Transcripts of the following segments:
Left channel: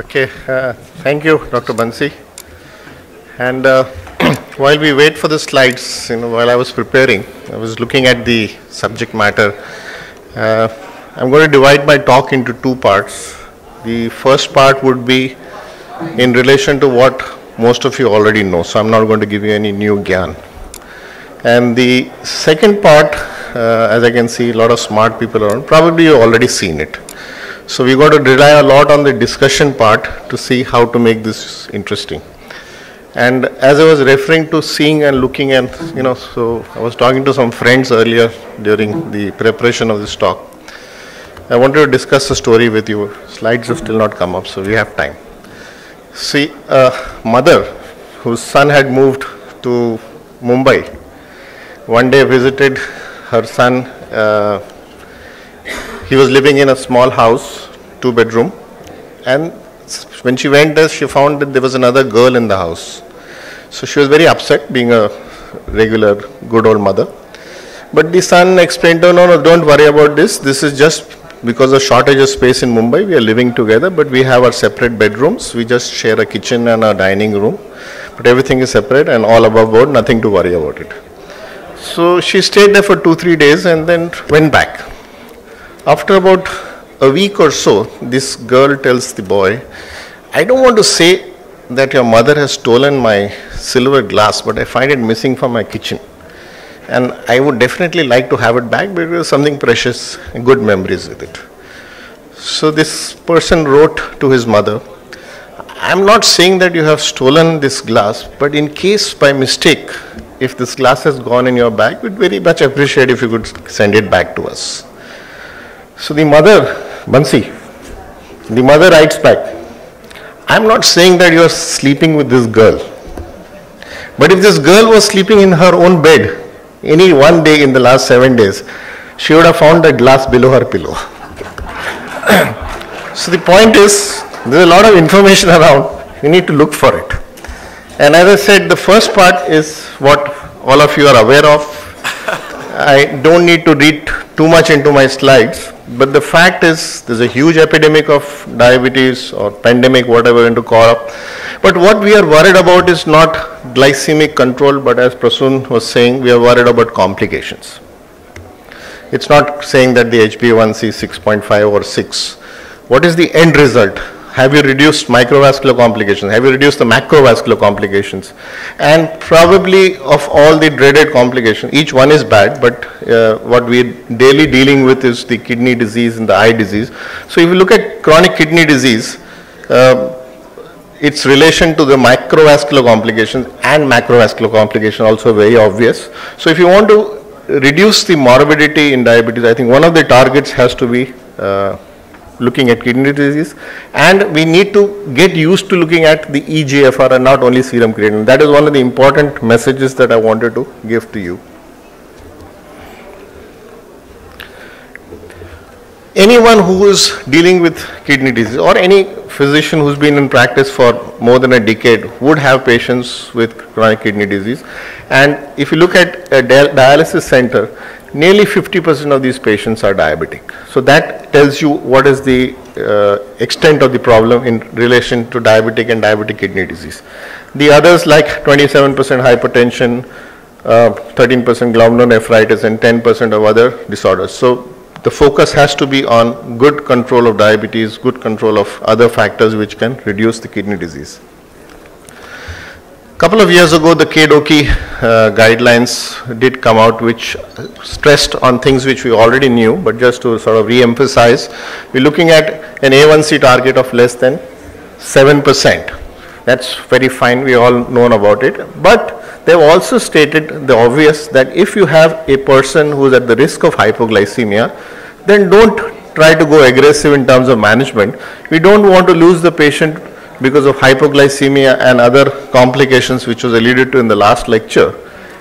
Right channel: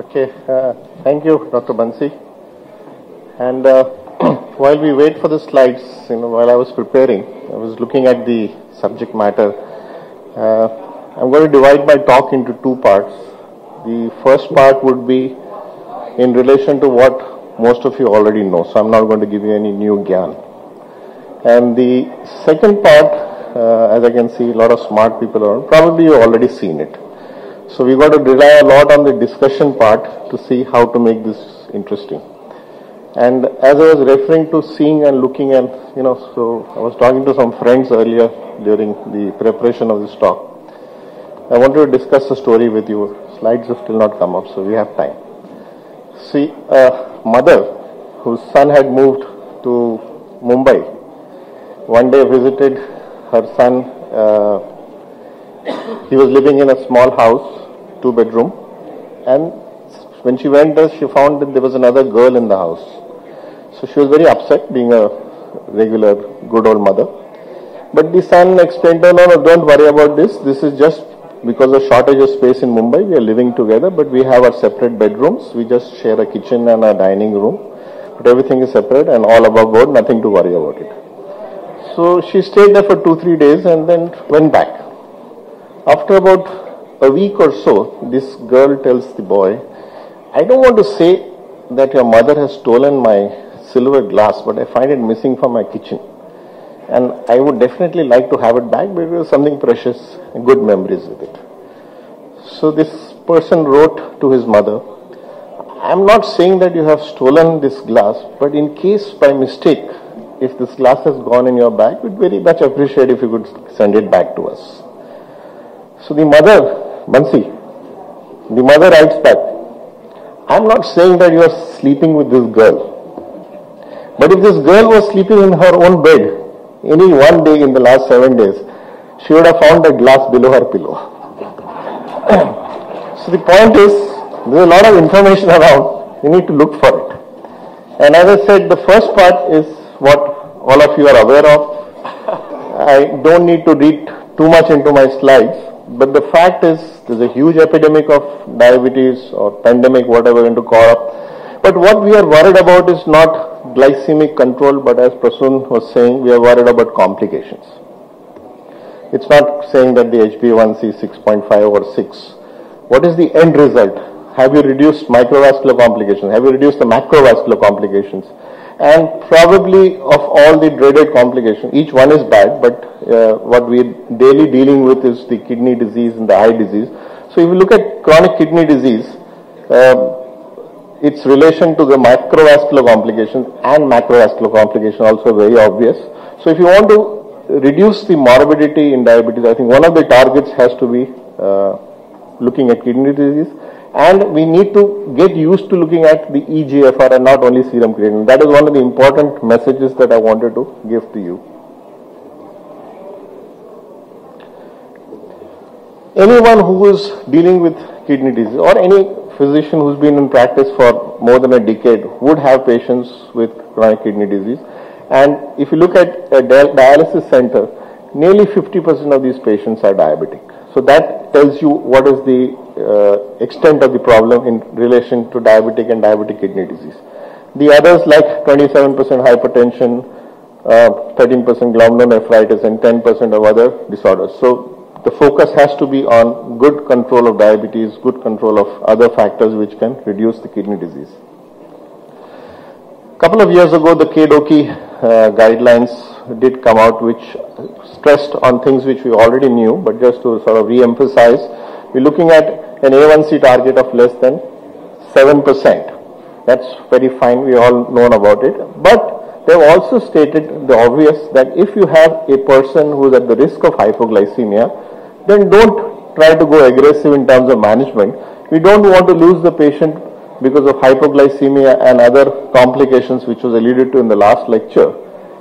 Okay, thank you, Dr. Bansi. And while we wait for the slides, while I was preparing, I was looking at the subject matter. I'm going to divide my talk into two parts. The first part would be in relation to what most of you already know, so I'm not going to give you any new gyan. And the second part, as I can see a lot of smart people around, probably you've already seen it. So we're going to rely a lot on the discussion part to see how to make this interesting. And as I was referring to seeing and looking at, so I was talking to some friends earlier during the preparation of this talk. I wanted to discuss a story with you. Slides have still not come up, so we have time. See, a mother whose son had moved to Mumbai, one day visited her son. He was living in a small house, 2-bedroom, and when she went there, she found that there was another girl in the house. So she was very upset, being a regular good old mother. But the son explained to her, no, don't worry about this. This is just because of shortage of space in Mumbai. We are living together, but we have our separate bedrooms. We just share a kitchen and a dining room. But everything is separate and all above board, nothing to worry about it. So she stayed there for 2-3 days and then went back. After about a week or so, this girl tells the boy, I don't want to say that your mother has stolen my silver glass, but I find it missing from my kitchen. And I would definitely like to have it back because something precious and good memories with it. So this person wrote to his mother, I'm not saying that you have stolen this glass, but in case by mistake, if this glass has gone in your bag, we'd very much appreciate if you could send it back to us. So the mother, Bansi, the mother writes back, I'm not saying that you are sleeping with this girl, but if this girl was sleeping in her own bed any one day in the last 7 days, she would have found that glass below her pillow. So the point is, there's a lot of information around, you need to look for it. And as I said, the first part is what all of you are aware of. I don't need to read too much into my slides. But the fact is, there's a huge epidemic of diabetes or pandemic, whatever you want to call it. But what we are worried about is not glycemic control, but as Prasoon was saying, we are worried about complications. It's not saying that the HbA1c is 6.5 or 6. What is the end result? Have you reduced microvascular complications? Have you reduced the macrovascular complications? And probably of all the dreaded complications, each one is bad, but what we're daily dealing with is the kidney disease and the eye disease. So if you look at chronic kidney disease, its relation to the microvascular complications and macrovascular complications also very obvious. So if you want to reduce the morbidity in diabetes, I think one of the targets has to be looking at kidney disease, and we need to get used to looking at the eGFR and not only serum creatinine. That is one of the important messages that I wanted to give to you. Anyone who is dealing with kidney disease or any physician who's been in practice for more than a decade would have patients with chronic kidney disease. And if you look at a dialysis center, nearly 50% of these patients are diabetic. So that tells you what is the extent of the problem in relation to diabetic and diabetic kidney disease. The others like 27% hypertension, 13% glomerulonephritis and 10% of other disorders. So the focus has to be on good control of diabetes, good control of other factors which can reduce the kidney disease. Couple of years ago, the KDOQI guidelines did come out, which stressed on things which we already knew, but just to sort of re-emphasize, we're looking at an A1C target of less than 7%. That's very fine, we all know about it. But they've also stated the obvious that if you have a person who's at the risk of hypoglycemia, then don't try to go aggressive in terms of management. We don't want to lose the patient because of hypoglycemia and other complications which was alluded to in the last lecture.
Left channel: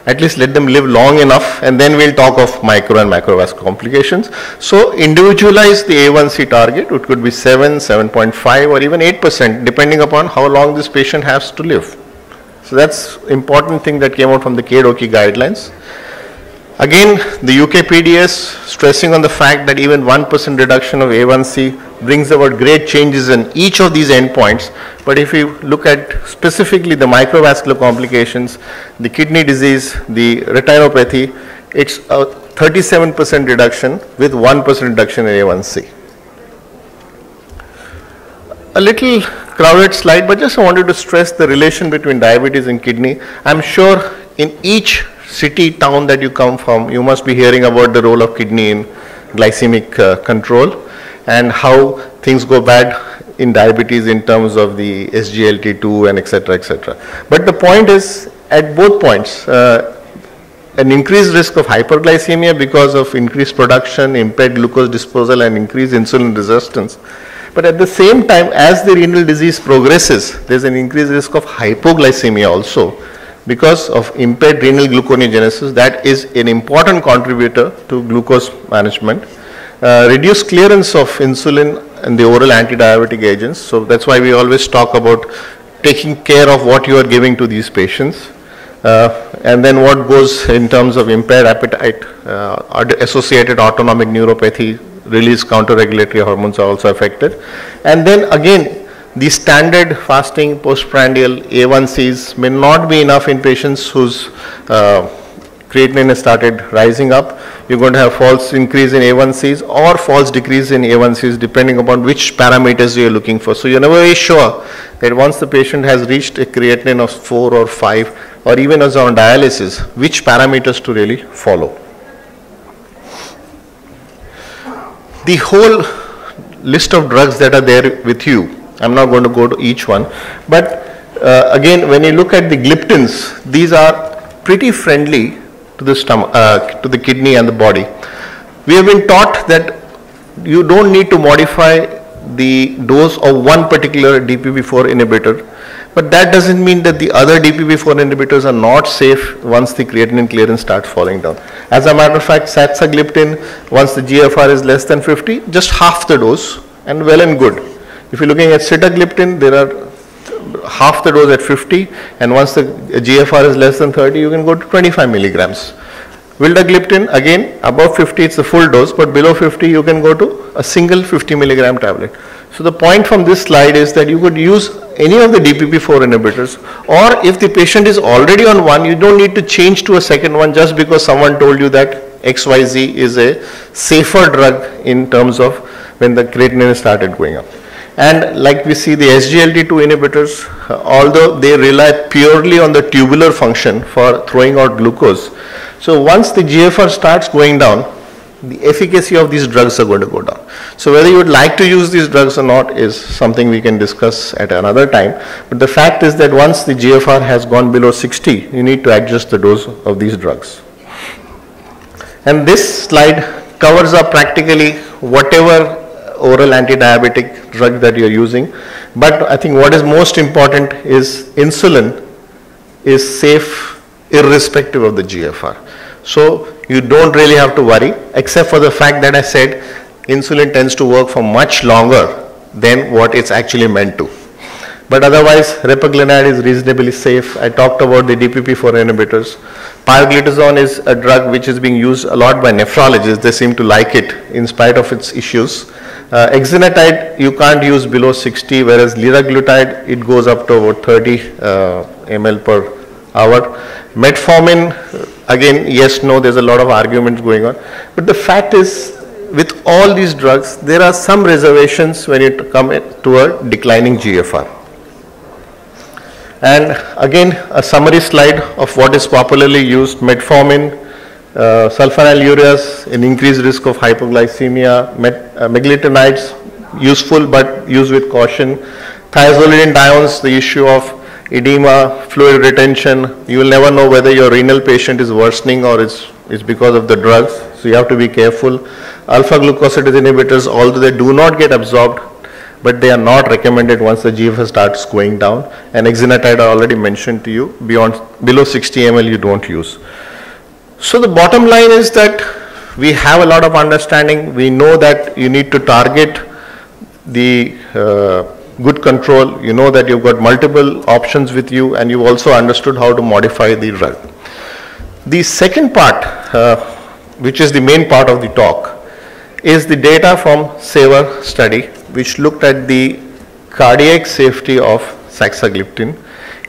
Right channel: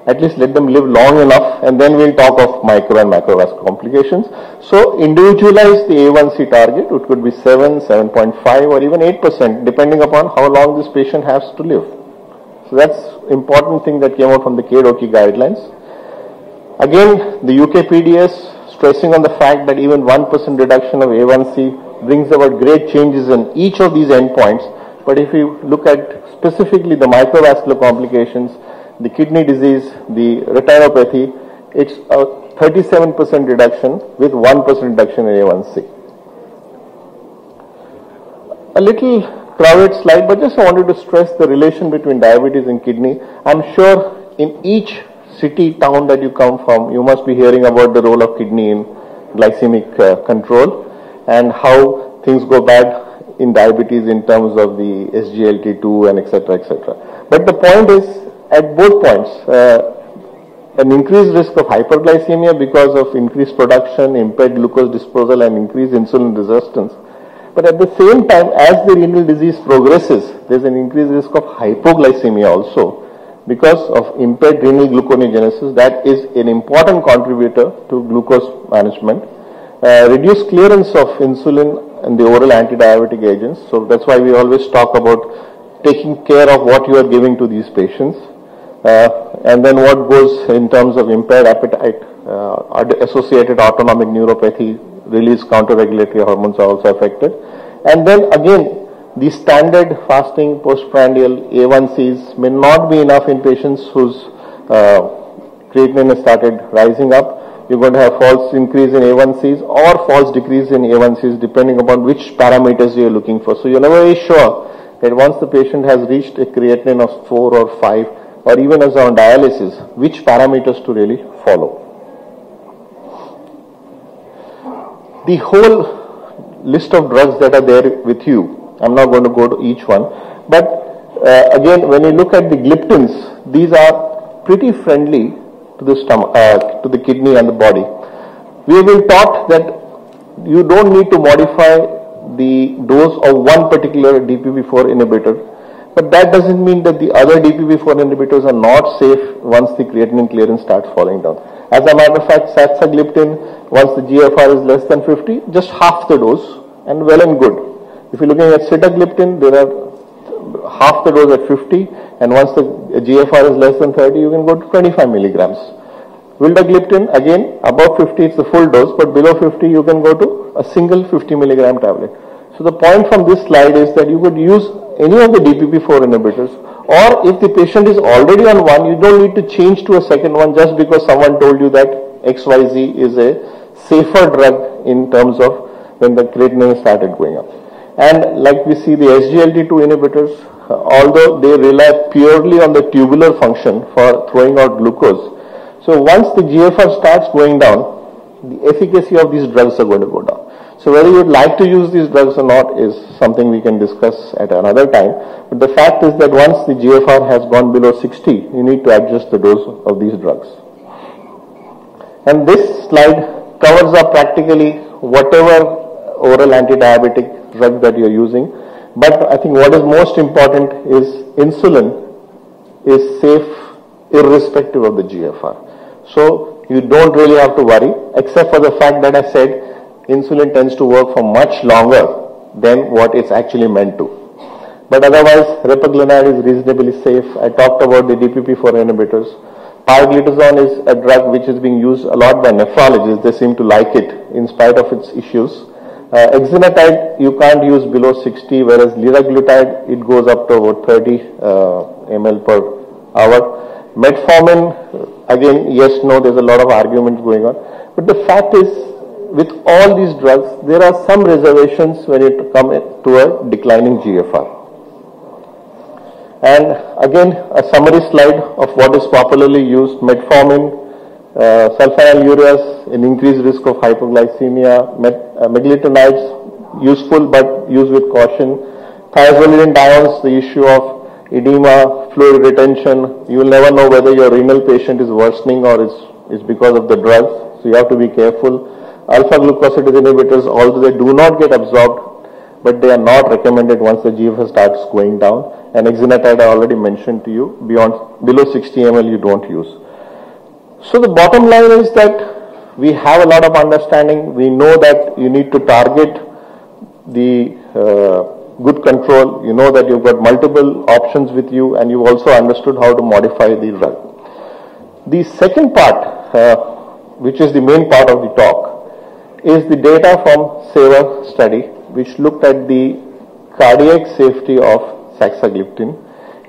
At least let them live long enough and then we'll talk of micro and macrovascular complications. So individualize the A1C target. It could be 7, 7.5 or even 8% depending upon how long this patient has to live. So that's important thing that came out from the KDOQI guidelines. Again, the UKPDS stressing on the fact that even 1% reduction of A1C brings about great changes in each of these endpoints. But if you look at specifically the microvascular complications, the kidney disease, the retinopathy, it's a 37% reduction with 1% reduction in A1C. A little crowded slide, but just wanted to stress the relation between diabetes and kidney. I'm sure in each city, town that you come from, you must be hearing about the role of kidney in glycemic control and how things go bad in diabetes in terms of the SGLT2 and etc. etc. But the point is, at both points, an increased risk of hyperglycemia because of increased production, impaired glucose disposal and increased insulin resistance. But at the same time, as the renal disease progresses, there's an increased risk of hypoglycemia also, because of impaired renal gluconeogenesis. That is an important contributor to glucose management. Reduced clearance of insulin and the oral anti-diabetic agents. So that's why we always talk about taking care of what you are giving to these patients. And then what goes in terms of impaired appetite, associated autonomic neuropathy, release counter-regulatory hormones are also affected. And then again, the standard fasting postprandial A1Cs may not be enough in patients whose creatinine has started rising up. You're going to have false increase in A1Cs or false decrease in A1Cs depending upon which parameters you're looking for. So you're never very sure that once the patient has reached a creatinine of 4 or 5 or even as on dialysis, which parameters to really follow. The whole list of drugs that are there with you, I'm not going to go to each one, but again, when you look at the gliptins, these are pretty friendly to the stomach, to the kidney and the body. We have been taught that you don't need to modify the dose of one particular DPP4 inhibitor, but that doesn't mean that the other DPP4 inhibitors are not safe once the creatinine clearance starts falling down. As a matter of fact, Saxagliptin, once the GFR is less than 50, just half the dose and well and good. If you're looking at sitagliptin, there are half the dose at 50, and once the GFR is less than 30, you can go to 25 milligrams. Vildagliptin, again, above 50, it's the full dose, but below 50, you can go to a single 50 milligram tablet. So the point from this slide is that you could use any of the DPP4 inhibitors, or if the patient is already on one, you don't need to change to a second one just because someone told you that XYZ is a safer drug in terms of when the creatinine started going up. And like we see the SGLT2 inhibitors, although they rely purely on the tubular function for throwing out glucose, so once the GFR starts going down, the efficacy of these drugs are going to go down. So whether you would like to use these drugs or not is something we can discuss at another time. But the fact is that once the GFR has gone below 60, you need to adjust the dose of these drugs. And this slide covers up practically whatever oral anti-diabetic drug that you're using. But I think what is most important is insulin is safe irrespective of the GFR. So you don't really have to worry, except for the fact that I said insulin tends to work for much longer than what it's actually meant to. But otherwise, repaglinide is reasonably safe. I talked about the DPP4 inhibitors. Pioglitazone is a drug which is being used a lot by nephrologists. They seem to like it in spite of its issues. Exenatide you can't use below 60, whereas liraglutide it goes up to about 30 ml per hour. Metformin, again, yes, no, there's a lot of arguments going on. But the fact is, with all these drugs, there are some reservations when you come to a declining GFR. And again, a summary slide of what is popularly used: metformin, sulfonylureas, an increased risk of hypoglycemia, meglitinides, useful but used with caution, thiazolidinediones, the issue of edema, fluid retention. You will never know whether your renal patient is worsening or it's because of the drugs, so you have to be careful. Alpha glucosidase inhibitors, although they do not get absorbed, but they are not recommended once the GFR starts going down. And exenatide I already mentioned to you, below 60 ml you don't use. So the bottom line is that we have a lot of understanding. We know that you need to target the good control. You know that you've got multiple options with you, and you've also understood how to modify the drug. The second part, which is the main part of the talk, is the data from SAVOR study, which looked at the cardiac safety of Saxagliptin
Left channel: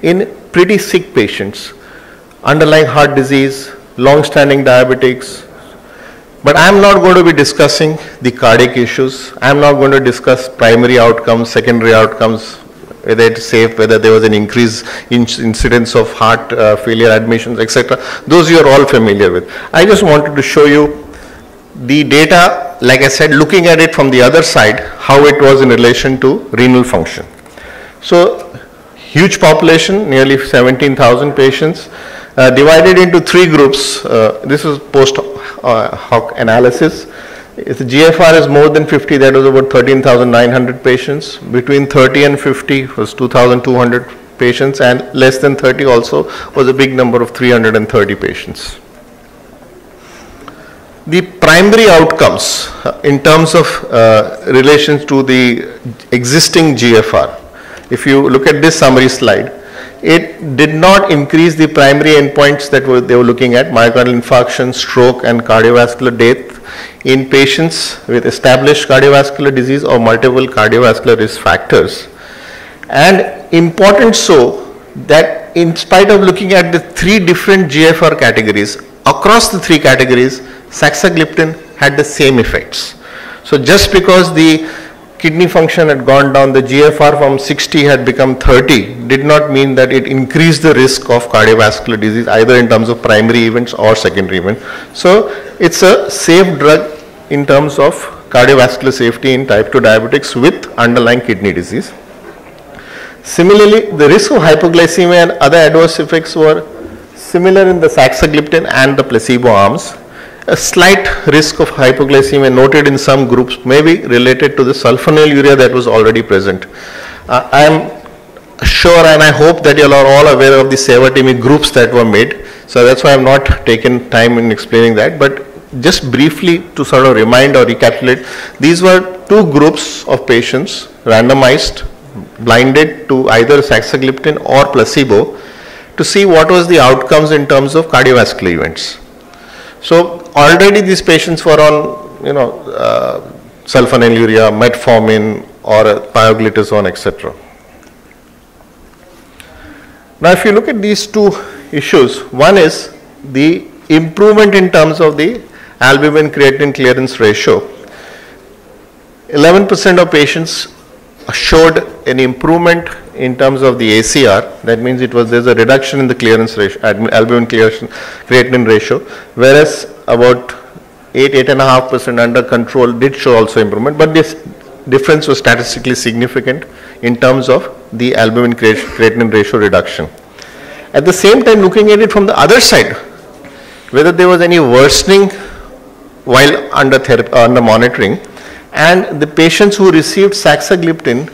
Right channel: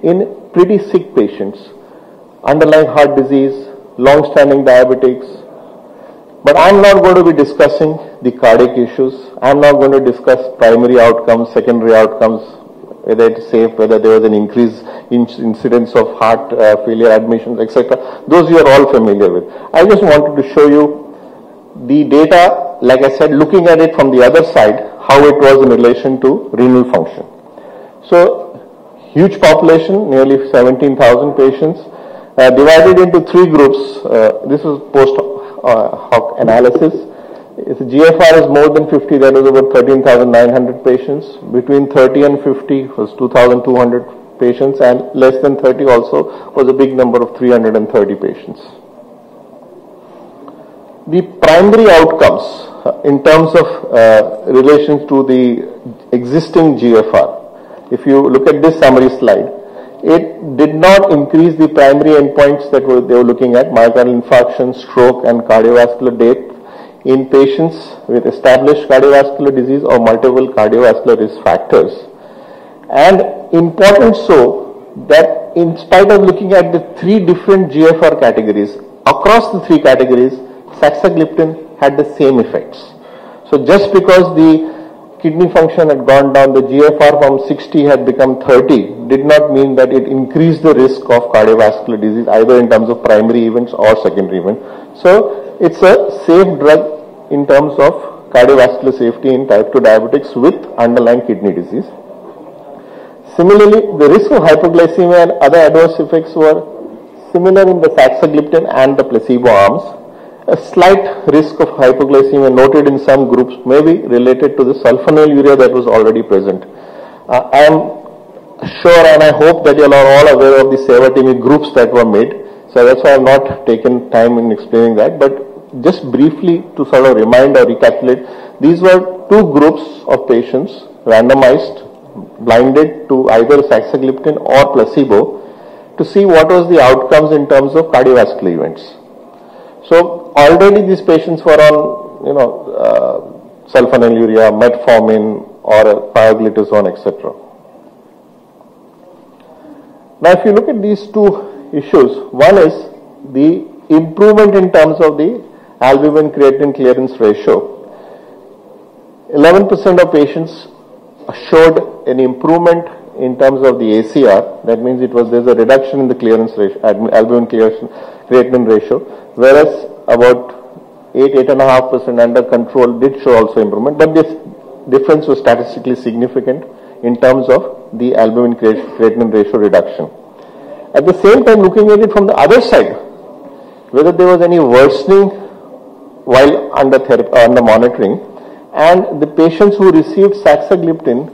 in pretty sick patients, underlying heart disease, long-standing diabetics. But I'm not going to be discussing the cardiac issues. I'm not going to discuss primary outcomes, secondary outcomes, whether it's safe, whether there was an increase in incidence of heart failure admissions, etc. Those you're all familiar with. I just wanted to show you the data, like I said, looking at it from the other side, how it was in relation to renal function. So, huge population, nearly 17,000 patients, divided into 3 groups. This is post-hoc analysis. If the GFR is more than 50, that was about 13,900 patients. Between 30 and 50 was 2,200 patients, and less than 30 also was a big number of 330 patients. The primary outcomes in terms of relations to the existing GFR, if you look at this summary slide, it did not increase the primary endpoints that they were looking at, myocardial infarction, stroke, and cardiovascular death in patients with established cardiovascular disease or multiple cardiovascular risk factors. And important so that in spite of looking at the 3 different GFR categories, across the 3 categories, Saxagliptin had the same effects. So just because the kidney function had gone down, the GFR from 60 had become 30, did not mean that it increased the risk of cardiovascular disease either in terms of primary events or secondary events. So it's a safe drug in terms of cardiovascular safety in type 2 diabetics with underlying kidney disease. Similarly, the risk of hypoglycemia and other adverse effects were similar in the Saxagliptin and the placebo arms. A slight risk of hypoglycemia noted in some groups may be related to the sulfonylurea that was already present. I am sure and I hope that you are all aware of the SAVOR groups that were made. So that's why I have not taken time in explaining that. But just briefly to sort of remind or recapitulate, these were 2 groups of patients randomized, blinded to either Saxagliptin or placebo to see what was the outcomes in terms of cardiovascular events. So already these patients were on, sulfonylurea, metformin, or pioglitazone, etc. Now, if you look at these 2 issues, one is the improvement in terms of the albumin-creatinine clearance ratio. 11% of patients showed an improvement in terms of the ACR. That means there's a reduction in the clearance ratio, albumin creatinine ratio, whereas about 8.5% under control did show also improvement, but this difference was statistically significant in terms of the albumin creatinine ratio reduction. At the same time, looking at it from the other side, whether there was any worsening while under monitoring, and the patients who received Saxagliptin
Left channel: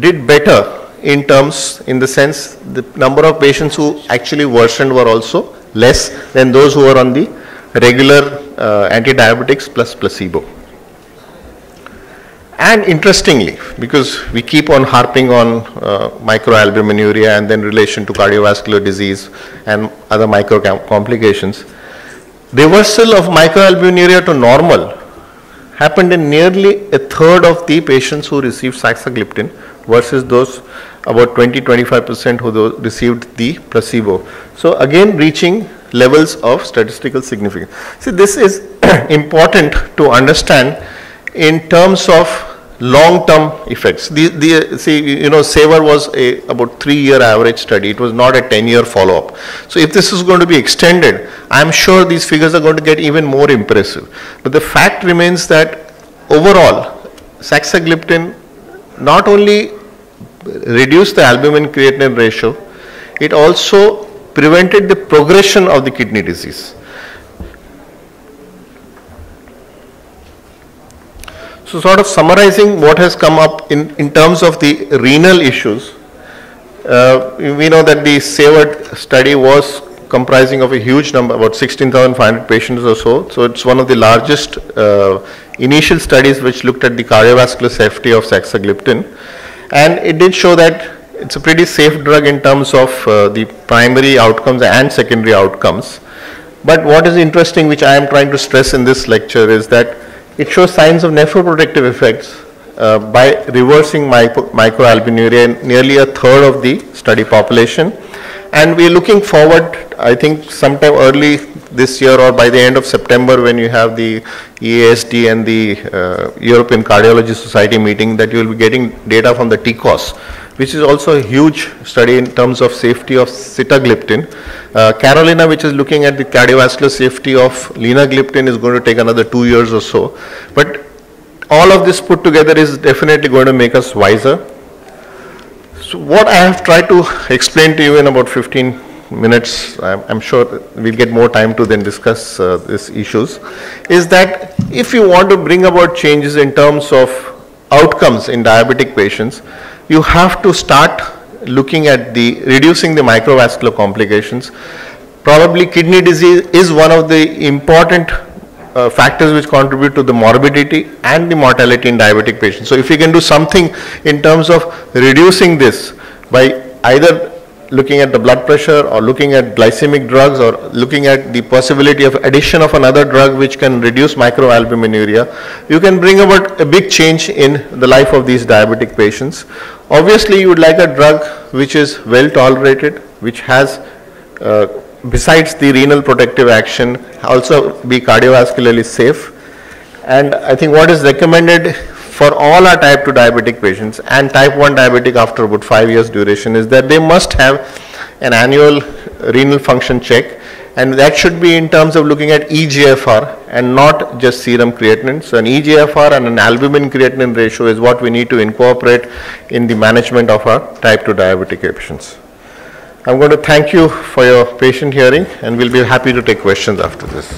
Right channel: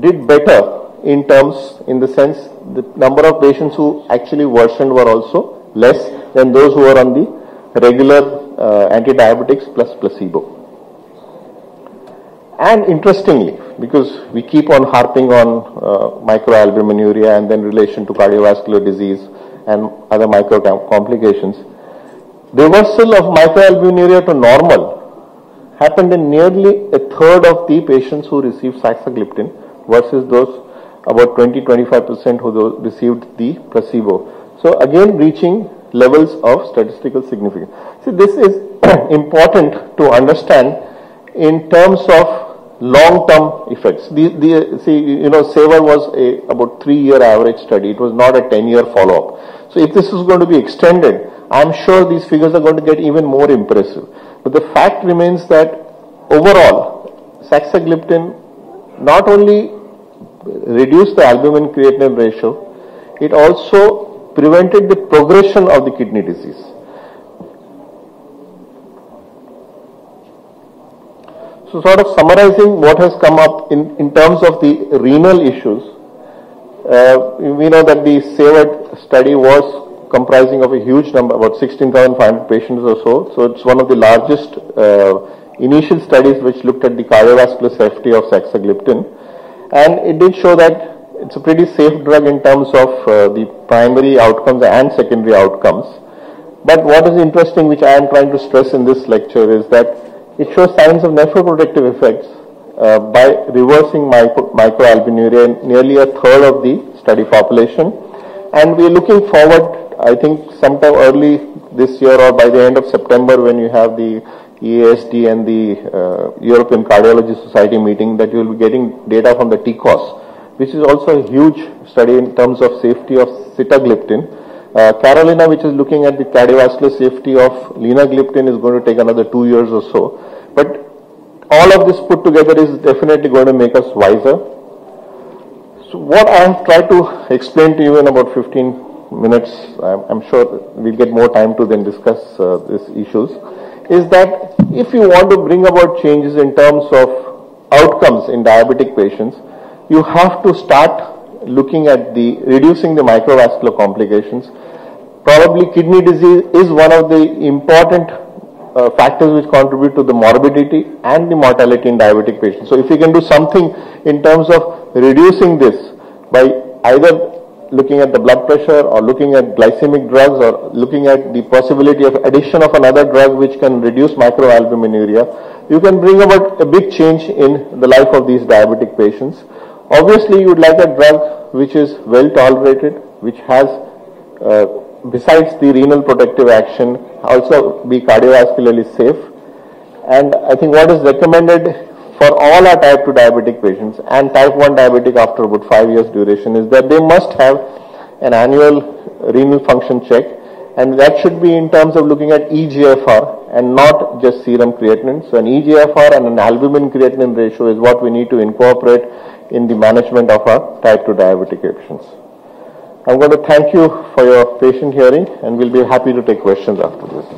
did better in the sense the number of patients who actually worsened were also less than those who were on the regular anti-diabetics plus placebo. And interestingly, because we keep on harping on micro-albuminurea and then relation to cardiovascular disease and other micro complications, reversal of micro-albuminurea to normal happened in nearly 1/3 of the patients who received Saxagliptin versus those about 20-25% who received the placebo. So again, reaching levels of statistical significance. See, this is important to understand in terms of long-term effects. SAVOR was about 3-year average study. It was not a 10-year follow-up. So if this is going to be extended, I'm sure these figures are going to get even more impressive. But the fact remains that overall, Saxagliptin not only reduced the albumin creatinine ratio, it also prevented the progression of the kidney disease. So sort of summarizing what has come up in terms of the renal issues, we know that the SAVOR study was comprising of a huge number, about 16,500 patients or so. So it's one of the largest initial studies which looked at the cardiovascular safety of Saxagliptin. And it did show that it's a pretty safe drug in terms of the primary outcomes and secondary outcomes. But what is interesting, which I am trying to stress in this lecture, is that it shows signs of nephroprotective effects by reversing microalbuminuria in nearly a third of the study population. And we are looking forward, I think sometime early this year or by the end of September, when you have the EASD and the European Cardiology Society meeting, that you will be getting data from the TCOS, which is also a huge study in terms of safety of sitagliptin. Carolina, which is looking at the cardiovascular safety of linagliptin, is going to take another 2 years or so. But all of this put together is definitely going to make us wiser. So what I have tried to explain to you in about 15 minutes, I'm sure we'll get more time to then discuss these issues, is that if you want to bring about changes in terms of outcomes in diabetic patients, you have to start looking at reducing the microvascular complications. Probably kidney disease is one of the important factors which contribute to the morbidity and the mortality in diabetic patients. So if we can do something in terms of reducing this by either looking at the blood pressure or looking at glycemic drugs or looking at the possibility of addition of another drug which can reduce microalbuminuria, you can bring about a big change in the life of these diabetic patients. Obviously, you would like a drug which is well tolerated, which has besides the renal protective action, also be cardiovascularly safe. And I think what is recommended for all our type 2 diabetic patients and type 1 diabetic after about 5 years duration is that they must have an annual renal function check, and that should be in terms of looking at eGFR and not just serum creatinine. So an eGFR and an albumin creatinine ratio is what we need to incorporate in the management of our type 2 diabetic patients. I'm going to thank you for your patient hearing, and we'll be happy to take questions after this.